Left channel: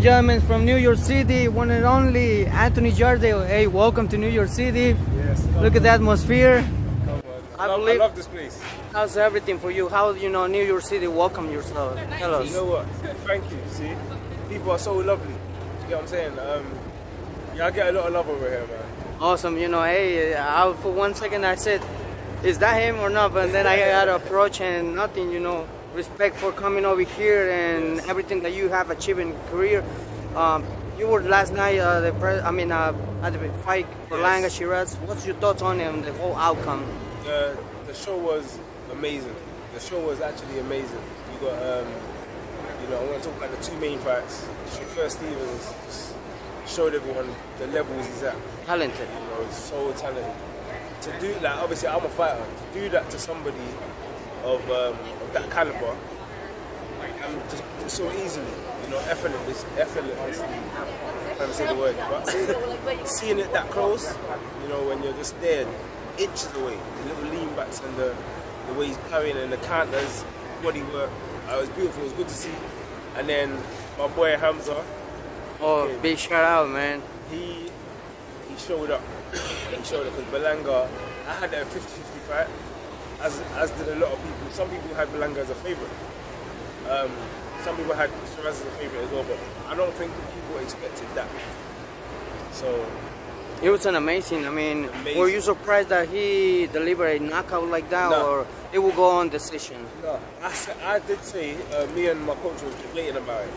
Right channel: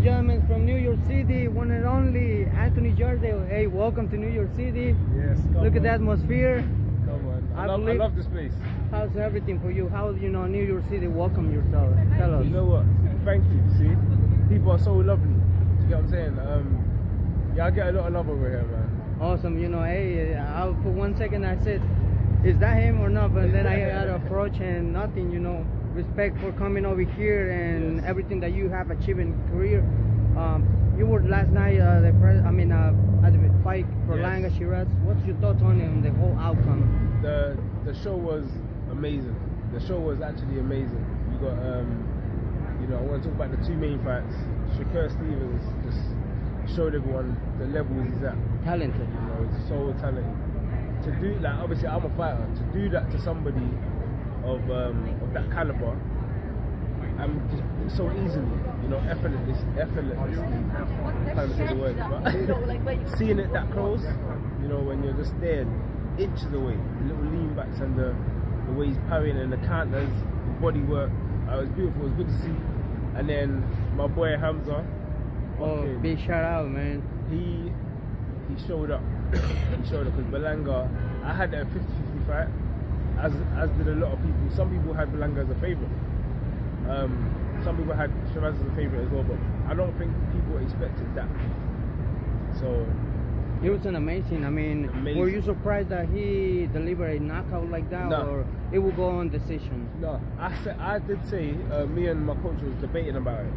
and gentlemen, from New York City, one and only Anthony Yarde. Hey, welcome to New York City. Yes. Look at the atmosphere. Come on. I love this place. How's everything for you? How New York City welcome yourself? Tell us. You know what? Thank you. See, people are so lovely. You get what I'm saying? Yeah, I get a lot of love over here, man. Awesome. Hey, for 1 second I said, is that him or not? But then I got to approach and nothing. Respect for coming over here and everything that you have achieved in your career. You were last night at the fight Berlanga Sheeraz. What's your thoughts on him, the whole outcome? The show was amazing. The show was actually amazing. You got I want to talk about the two main fights. Sheeraz just showed everyone the levels he's at. Talented. He's so talented. To do that, obviously I'm a fighter. To do that to somebody of that caliber and just so easily, effortlessly, I can't even say the word, but seeing it that close, when you're just there, inches away, the little lean backs and the way he's parrying and the counters, body work, it was beautiful, it was good to see. And then my boy Hamsah. Big shout out, man. He showed up. He showed up because Berlanga, I had a 50-50 fight. As did a lot of people. Some people had Berlanga as a favourite. Some people had Sheeraz as a favourite as well, but I don't think people expected that. So it was an amazing. Were you surprised that he delivered a knockout like that, or it will go on decision? No, I did say me and my coach was debating about it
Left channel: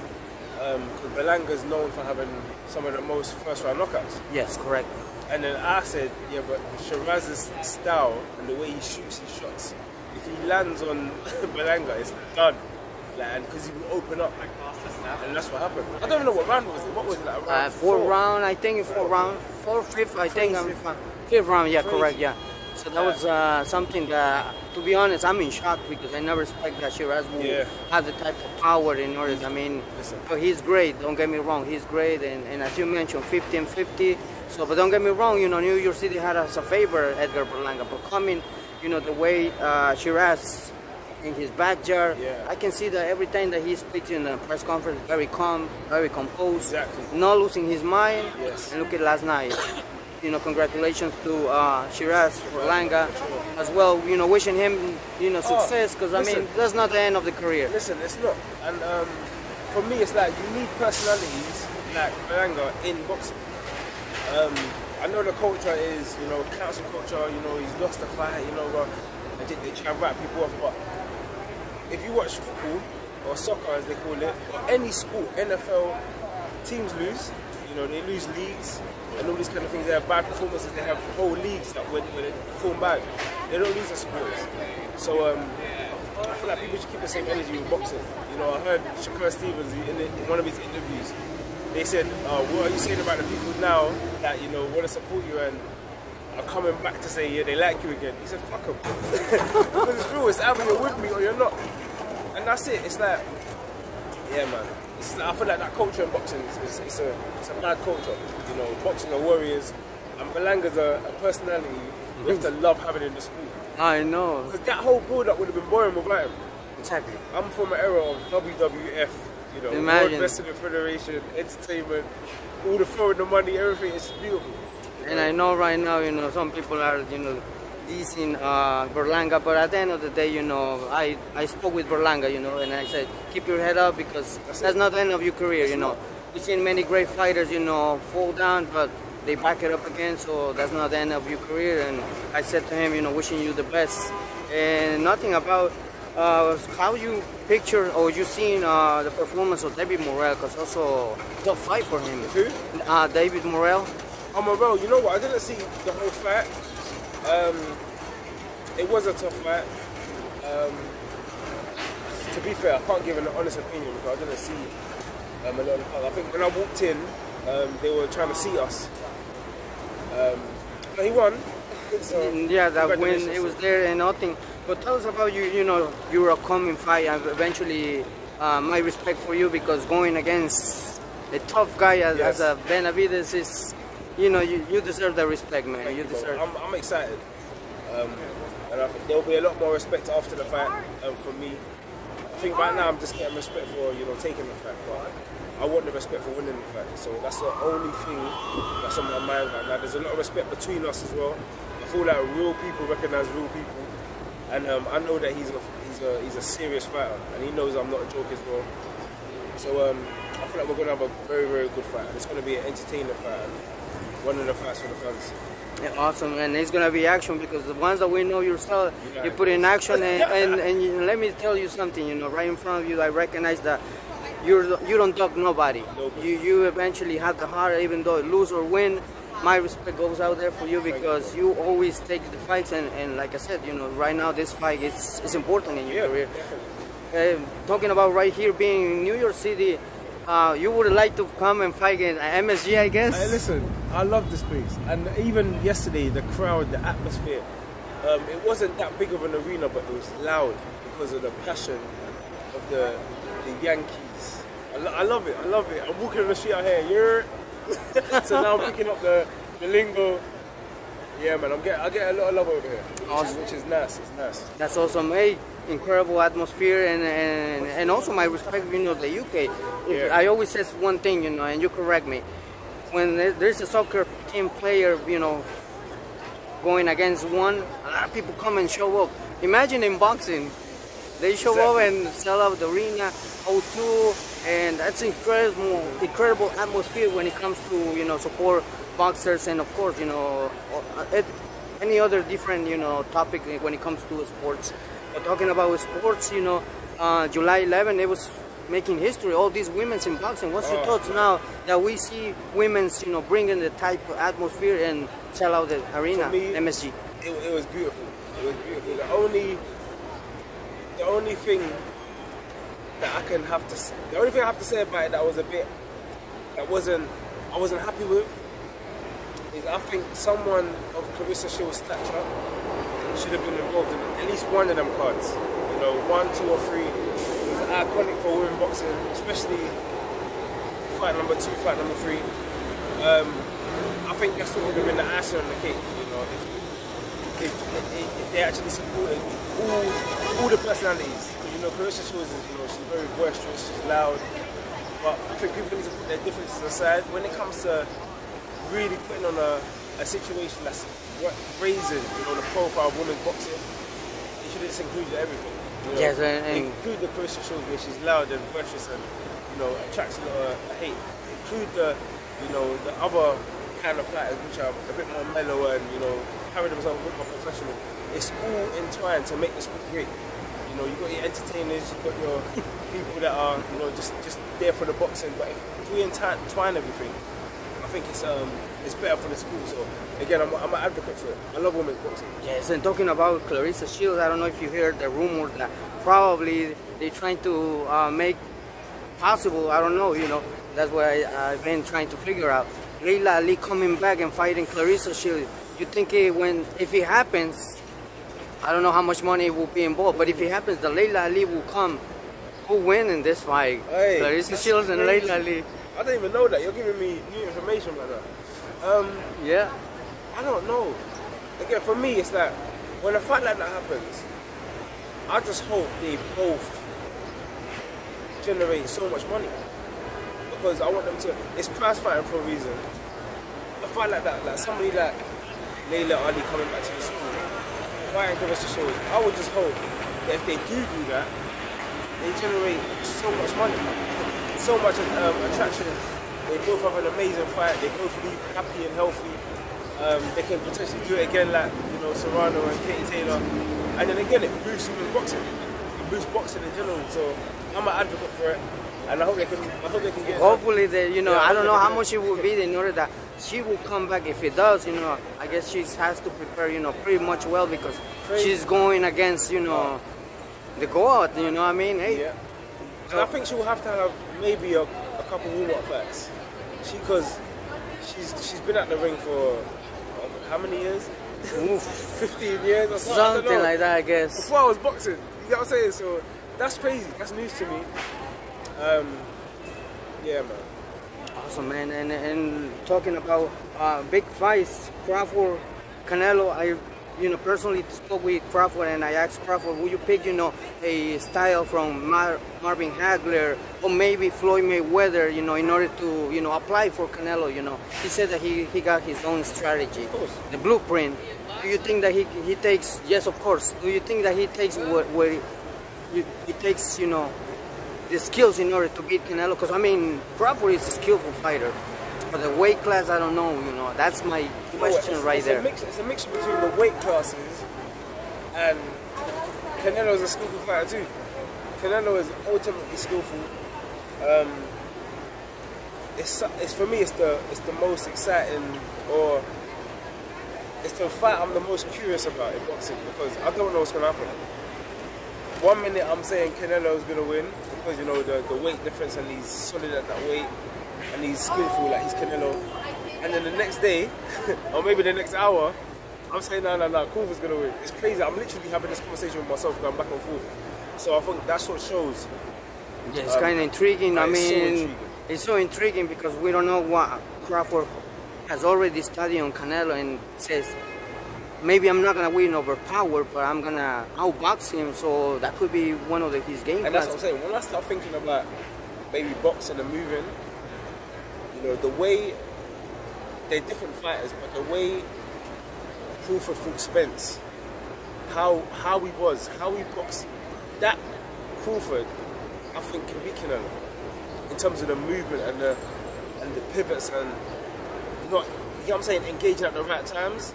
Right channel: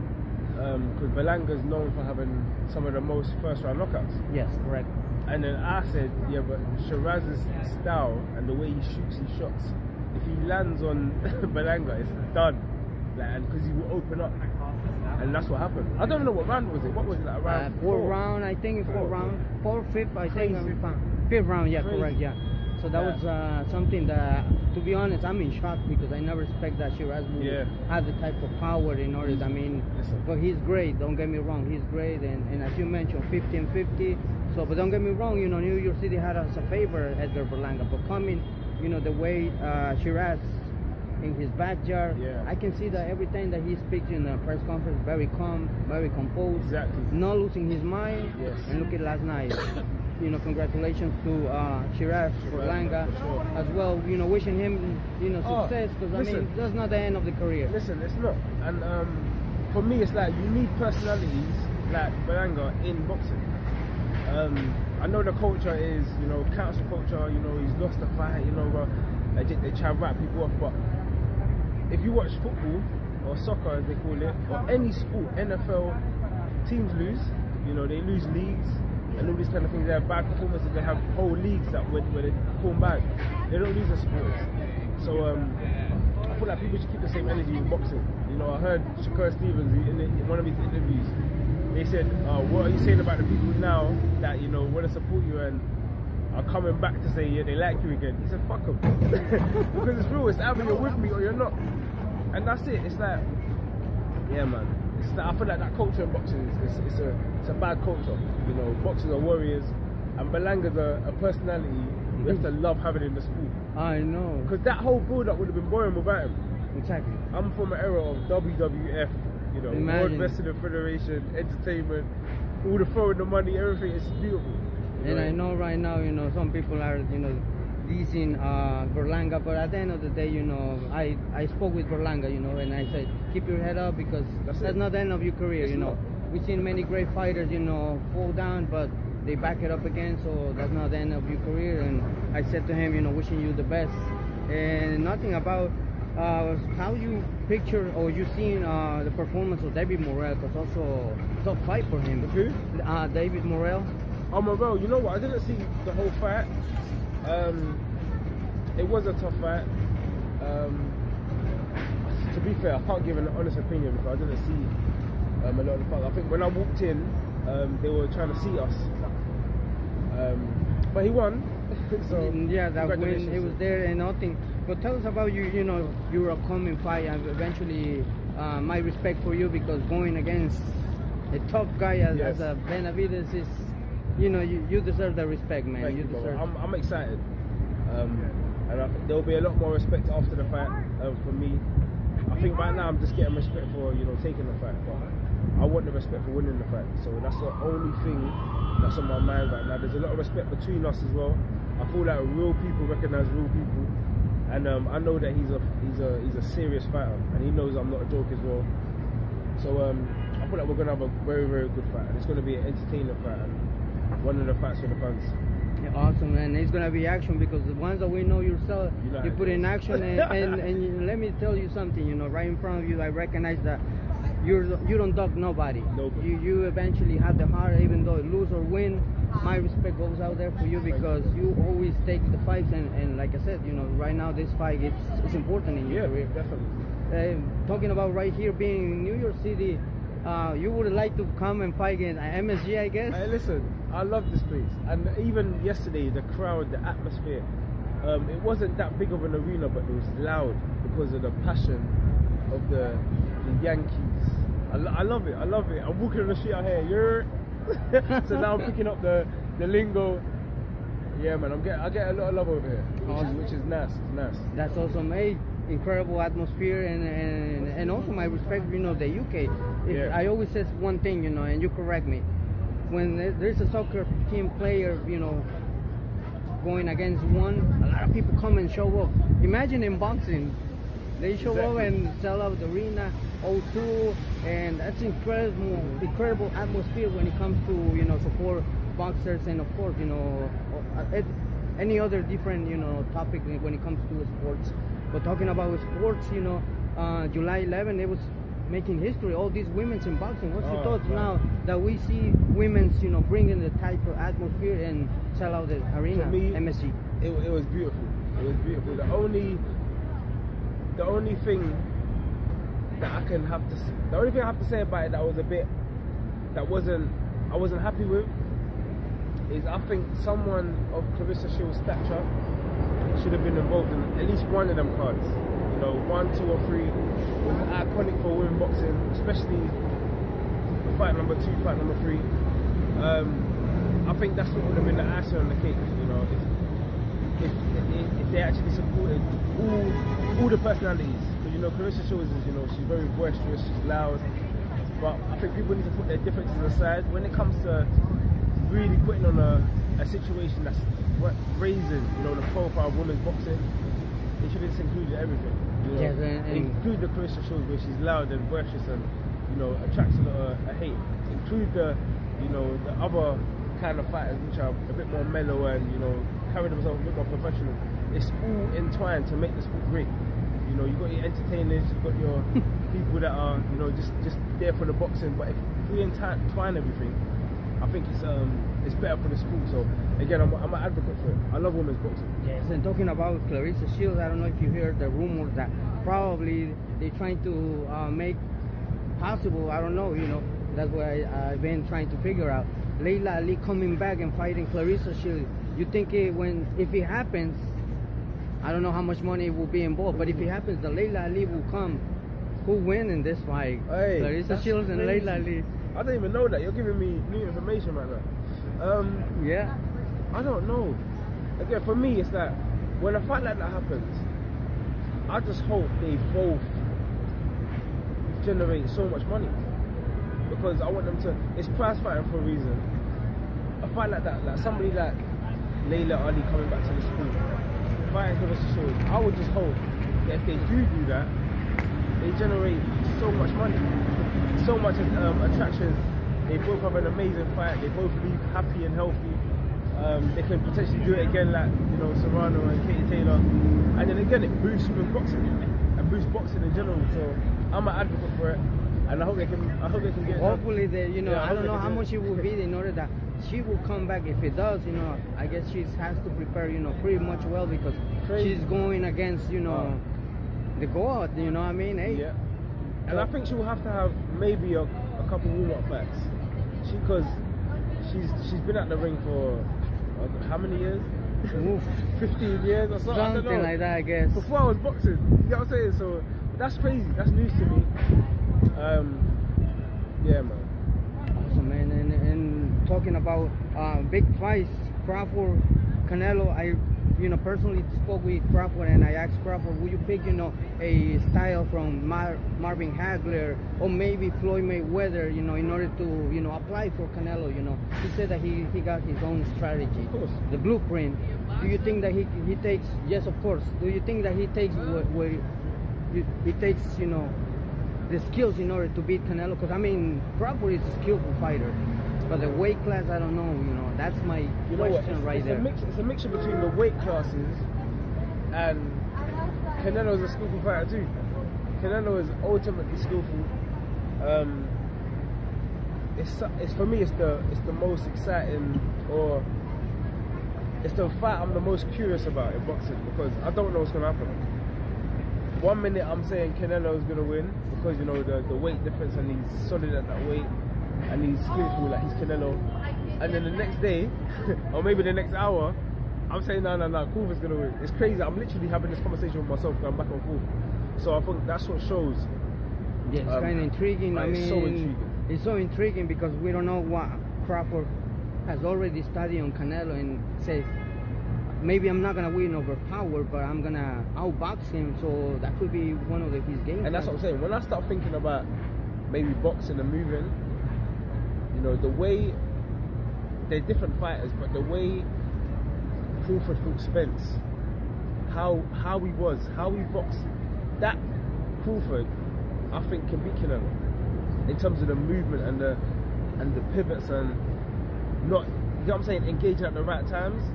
because Berlanga is known for having some of the most first-round knockouts. Yes, correct. And then I said, yeah, but Sheeraz's style and the way he shoots his shots, if he lands on Berlanga, it's done. Because he will open up. And that's what happened. I don't even know what round was it. What was it, like round four round, I think, fifth, I think. Fifth round, yeah, crazy. Correct, yeah. So that was something that, to be honest, I'm in shock because I never expected that Sheeraz would have the type of power in order. But he's great, don't get me wrong, he's great. And as you mentioned, 50-50. So, but don't get me wrong, New York City had as a favor Edgar Berlanga. But coming, the way Sheeraz in his backyard, I can see that every time that he speaks in the press conference, very calm, very composed, not losing his mind. Yes. And look at last night. Congratulations to Sheeraz Berlanga as well. Wishing him, success because that's not the end of the career. Listen, it's not. And for me, it's like you need personalities like Berlanga in boxing. I know the culture is, council culture. He's lost a fight. They try and write people off. But if you watch football or soccer, as they call it, or any sport, NFL teams lose. They lose leagues. And all these kind of things, they have bad performances, they have whole leagues that where they perform bad. They don't lose their supporters. So I feel like people should keep the same energy with boxing. I heard Sheeraz Stevens in one of his interviews, they said, what are you saying about the people now that, want to support you and are coming back to say, yeah, they like you again? He said, fuck them. Because it's real, it's either you're with me or you're not. And that's it, it's like, yeah man. I feel like that culture in boxing it's a bad culture. Boxing are warriors, and Berlanga's a personality you have to love having in the sport. I know. Because that whole build-up would have been boring without him. Exactly. I'm from an era of WWF, World Wrestling Federation, entertainment, all the throwing the money, everything. It's beautiful. And I know right now, some people are, dissing Berlanga, but at the end of the day, I spoke with Berlanga, and I said, keep your head up because that's not the end of your career, We've seen many great fighters, fall down, but they back it up again, so that's not the end of your career. And I said to him, wishing you the best. And nothing about how you picture or you seen the performance of David Morrell, because also tough fight for him. Who? David Morrell. Oh, Morrell, you know what? I didn't see the whole fight. It was a tough fight. To be fair, I can't give an honest opinion because I didn't see a lot of the fight. I think when I walked in, they were trying to see us. But he won. So yeah, that win, it was there and nothing. But tell us about your upcoming fight and eventually my respect for you because going against a tough guy as a Benavidez is, you deserve the respect, man. Thank you deserve. I'm excited. And I think there'll be a lot more respect after the fight from me. I think right now I'm just getting respect for taking the fight, but I want the respect for winning the fight. So that's the only thing that's on my mind right now. There's a lot of respect between us as well. I feel like real people recognize real people, and I know that he's a serious fighter, and he knows I'm not a joke as well. So I feel like we're gonna have a very, very good fight, and it's gonna be an entertaining fight, and one of the fights for the fans. Yeah, awesome, and it's gonna be action because the ones that we know your style, you put in action, and let me tell you something. You know, right in front of you, I recognize that you don't dog nobody. You eventually have the heart, even though lose or win. My respect goes out there for you because you always take the fights, and like I said, you know, right now this fight it's important in your career. Definitely. Talking about right here being in New York City, you would like to come and fight in MSG, I guess? Hey, listen, I love this place, and even yesterday, the crowd, the atmosphere, it wasn't that big of an arena, but it was loud because of the passion of the Yankees. I love it. I'm walking on the street out here, so now I'm picking up the lingo. Yeah, man, I get a lot of love over here, which is nice. It's nice. That's awesome. Hey, incredible atmosphere, and also my respect, you know, the UK. Yeah. I always say one thing, you know, and you correct me. When there's a soccer team player, you know, going against one, a lot of people come and show up. Imagine in boxing, they show up and sell out the arena, O2, and that's incredible atmosphere when it comes to, you know, support boxers, and of course, you know, any other different, you know, topic when it comes to sports. But talking about sports, you know, July 11, it was making history. All these women's in boxing. What's your thoughts now that we see women's, you know, bringing the type of atmosphere and sell out the arena? For me, MSG. It was beautiful. It was beautiful. The only thing that I have to say about it that was I wasn't happy with is I think someone of Clarissa Shields' stature should have been involved in at least one of them cards. You know, 1, 2, or 3 was iconic for women boxing, especially fight number 2, fight number 3. I think that's what would have been the icing on the cake. You know, if they actually supported all the personalities. Because, you know, Clarissa Shields is, you know, she's very boisterous, she's loud. But I think people need to put their differences aside when it comes to really putting on a situation that's raising, you know, the profile of women's boxing. They should have just included everything. You know? Yes, and include the Clarissa Shields where she's loud and boisterous and, you know, attracts a lot of hate. Include the, you know, the other kind of fighters which are a bit more mellow and, you know, carry themselves a bit more professional. It's all entwined to make the sport great. You know, you've got your entertainers, you've got your people that are, you know, just there for the boxing. But if we entwine everything, I think it's better for the sport. So again, I'm an advocate for it. I love women's boxing. Yes, and talking about Clarissa Shields, I don't know if you heard the rumor that probably they're trying to make possible. I don't know. You know, that's what I've been trying to figure out. Layla Ali coming back and fighting Clarissa Shields. You think if it happens, I don't know how much money will be involved, but if it happens, the Layla Ali will come. Who win in this fight? Hey, Clarissa Shields and Layla Ali. I didn't even know that. You're giving me new information about that. Yeah. I don't know. Again, for me, it's like when a fight like that happens, I just hope they both generate so much money because I want them to. It's prize fighting for a reason. A fight like that, like somebody like Layla Ali coming back to the sport, fighting Clarissa Shields, I would just hope that if they do that, they generate so much money, so much attraction. They both have an amazing fight. They both leave happy and healthy. They can potentially do it again, like, you know, Serrano and Katie Taylor. And then again, it boosts women's boxing and boosts boxing in general. So I'm an advocate for it, and I hope they can get. Hopefully, you know, I don't know how much it will be in order that she will come back. If it does, you know, I guess she has to prepare, you know, pretty much well because she's going against, you know, the God. You know what I mean? Hey. Yeah. And I think she will have to have maybe a couple warm-up fights. Because she's been at the ring for how many years? 15 years or something. Something like that, I guess. Before I was boxing, you know what I'm saying? So that's crazy. That's news to me. Yeah, man. Awesome, man. And talking about big fights, Crawford, Canelo, you know, personally spoke with Crawford, and I asked Crawford, would you pick, you know, a style from Marvin Hagler or maybe Floyd Mayweather, you know, in order to, you know, apply for Canelo, you know? He said that he got his own strategy, the blueprint. Do you think that he takes, yes, of course, do you think that he takes he takes, you know, the skills in order to beat Canelo? Because, I mean, Crawford is a skillful fighter. But the weight class, I don't know, you know, that's my question right there. It's a mixture between the weight classes and Canelo's a skillful fighter too. Canelo is ultimately skillful. It's for me, it's the most exciting, or it's the fight I'm the most curious about in boxing, because I don't know what's going to happen. 1 minute I'm saying Canelo's going to win because, you know, the weight difference, and he's solid at that weight and he's skillful, like he's Canelo. And then the next day, or maybe the next hour, I'm saying no, Crawford's going to win. It's crazy. I'm literally having this conversation with myself, going back and forth. So I think that's what shows. Yeah, it's kind of intriguing. I mean, so intriguing. It's so intriguing because we don't know what Crawford has already studied on Canelo, and says, maybe I'm not going to win over power, but I'm going to outbox him. So that could be one of his game. And that's what I'm saying. When I start thinking about maybe boxing and moving, you know, the way they're different fighters, but the way Crawford fought Spence, how he boxed, that Crawford, I think, can beat Canelo in terms of the movement and the pivots, and not, you know what I'm saying, engaging at the right times.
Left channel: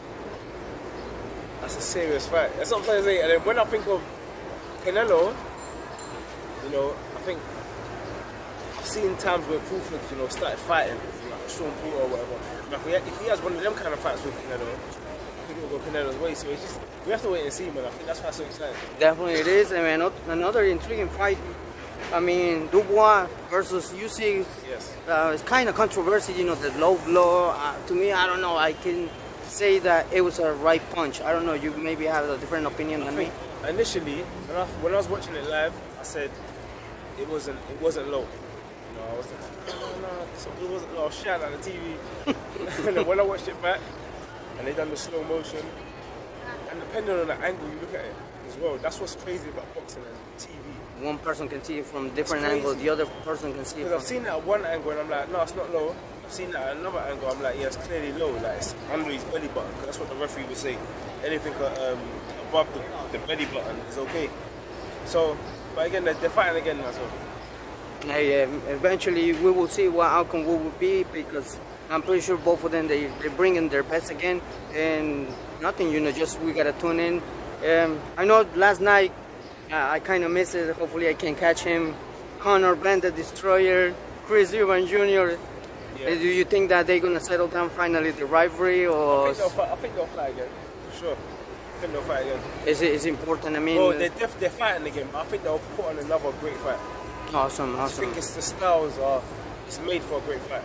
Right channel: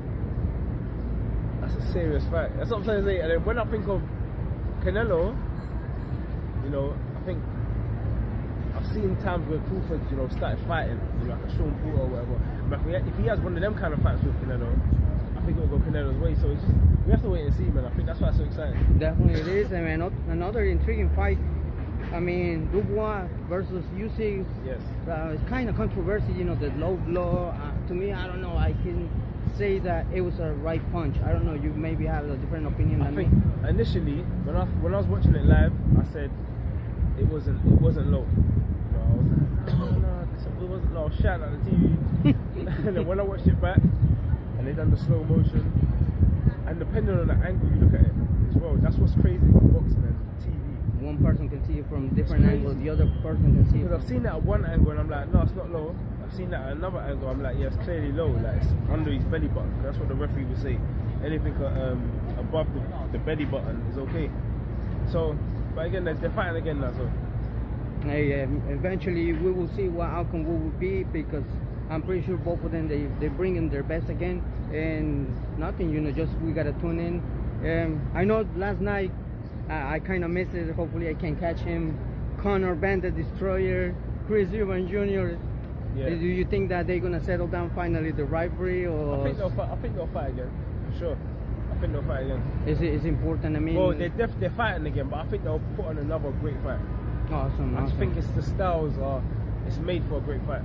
That's a serious fight. That's what I'm trying to say. And then when I think of Canelo, you know, I think I've seen times where Crawford, you know, started fighting, like Sean Porter or whatever. Like if he has one of them kind of fights with Canelo, I think it will go Canelo's way. So it's just, we have to wait and see, man. I think that's why it's so exciting. Definitely it is. I mean, another intriguing fight. I mean, Dubois versus Usyk. Yes. It's kind of controversial, you know, the low blow. To me, I don't know. I can say that it was a right punch. I don't know. You maybe have a different opinion than me. Initially, when I was watching it live, I said it wasn't low. You know, I was like, no, it wasn't low. I was shouting at the TV. And then when I watched it back, and they done the slow motion, and depending on the angle you look at it as well, that's what's crazy about boxing and TV. One person can see it from different angles, the other person can see it. Because I've seen it at one angle and I'm like, no, it's not low. I've seen that at another angle, I'm like, yeah, it's clearly low. Like, it's under his belly button. That's what the referee would say. Anything above the belly button is okay. So, but again, they're fighting again now, so. Yeah, eventually we will see what outcome will be, because I'm pretty sure both of them, they're bringing their best again. And nothing, you know, just we got to tune in. I know last night, I kind of missed it. Hopefully I can catch him. Conor Ben the Destroyer, Chris Eubank Jr. Yeah. Do you think that they're going to settle down finally the rivalry? Or I think they'll fight again, for sure. I think they'll fight again. It's important, I mean... Well, they're fighting again, but I think they'll put on another great fight. Awesome. I think it's the styles it's made for a great fight.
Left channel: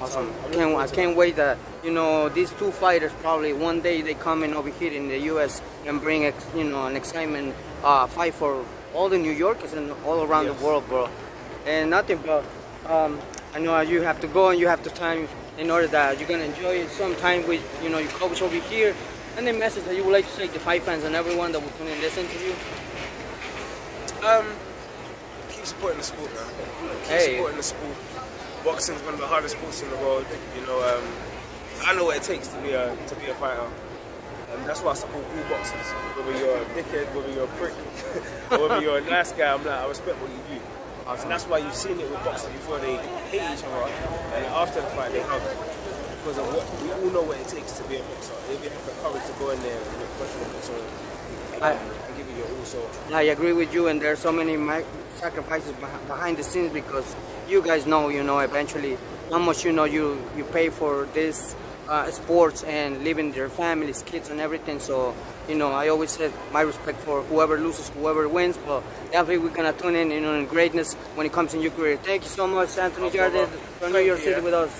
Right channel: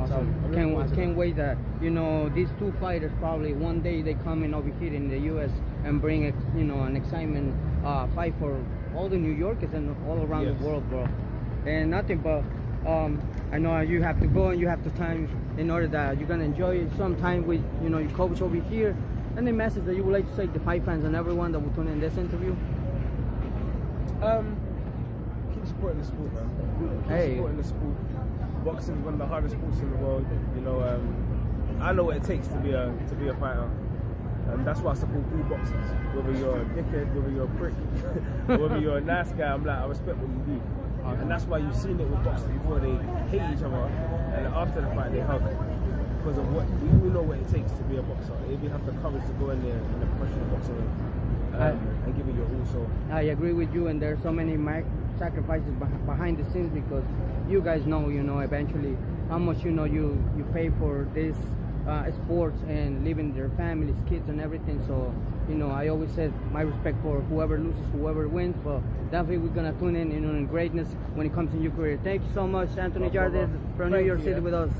Awesome. I can't wait that, you know, these two fighters probably one day they come in over here in the U.S. and bring, you know, an excitement fight for all the New Yorkers and all around the world, bro. And nothing but, I know you have to go and you have to time in order that you're going to enjoy some time with, you know, your coach over here. And the message that you would like to say to fight fans and everyone that will tune in this interview? Keep supporting the sport, man. Keep supporting the sport. Boxing is one of the hardest sports in the world. You know, I know what it takes to be a fighter, and that's why I support all boxers. Whether you're a dickhead, whether you're a prick, or whether you're a nice guy, I'm like, I respect what you do. Awesome. And that's why you've seen it with boxers before. They hate each other, and after the fight they hug, because of what we all know what it takes to be a boxer. If you have the courage to go in there in a professional boxer and give it your all. So I agree with you, and there are so many sacrifices behind the scenes, because you guys know, you know, eventually how much, you know, you pay for this sports and leaving their families, kids and everything. So, you know, I always said my respect for whoever loses, whoever wins, but definitely we're gonna tune in, you know, in greatness when it comes in your career. Thank you so much, Anthony Yarde from New York City with us.